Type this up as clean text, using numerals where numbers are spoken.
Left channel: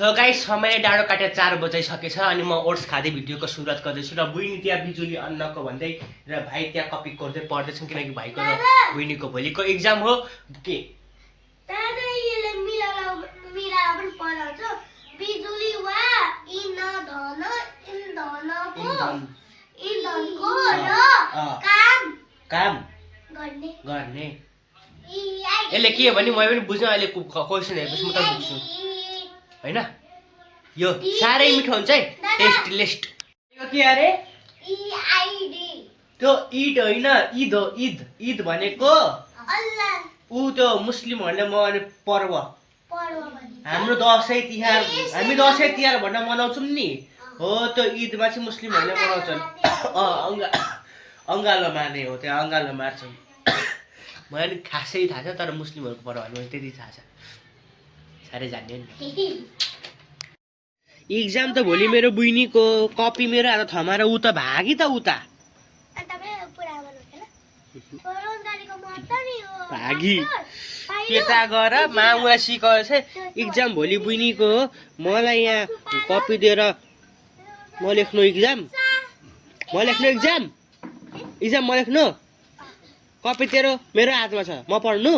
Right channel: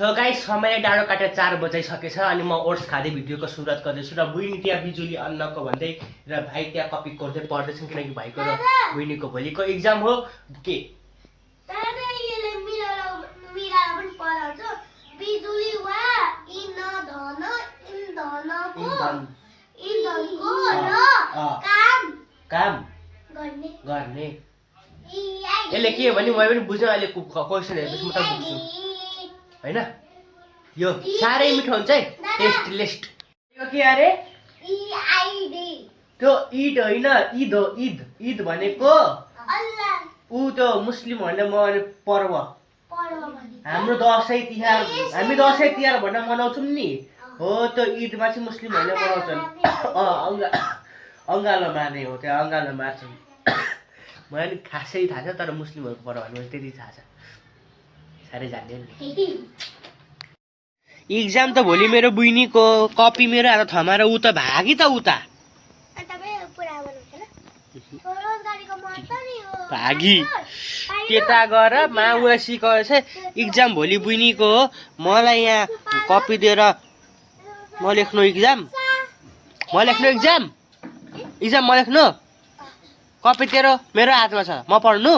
so guys समय डाँडो काटेर 4 बजाइसकेछ अनि म ओट्स खाँदै भिडियोको सुरुवात गर्दैछु र बुइनी त्यहाँ बिजुली अन्नको भन्दै र भाइ त्यहाँ कपी गर्दै पढ्दैछन् किनकि भाइको र बुइनीको भोलिको एक्जाम हो के बिजुली वा इन्धन इन्धनको काम गर्ने यसले के भने मैले पनि बुझ्न अहिले क्वेसन हेरेपछि म त बुझ्छु हैन यो साह्रै मिठो हुन्छ है टेस्ट लिस्ट यो के अरे त्यो ईद होइन ईद हो ईद ईद भनेको ऊ त्यो मुस्लिमहरूले मनाउने पर्व हाम्रो दसैँ तिहार हामी दसैँ तिहार भनेर मनाउँछौँ नि हो त्यो ईदमा चाहिँ मुस्लिमहरूले मनाउँछन् अङ्गालो मार्ने हो त्यहाँ अङ्गालो मार्छन् मलाई नि खासै थाहा छ तर मुस्लिमहरूको पर्व भने त्यति थाहा छ साह्रै जान्ने नि एक्जाम त भोलि मेरो बुइनीको कपी मेरो आज थमाएर ऊ त भागी त उता भागी त्यता गएर माउलाई सिकाएर चाहिँ एक्जाम भोलि बुइनीको हो मलाई यहाँ कपी दिएर म लेख्नु एक्जाम एक्जाम म लेख्नु कपी तेरो मेरो हातमा छ म पढ्नु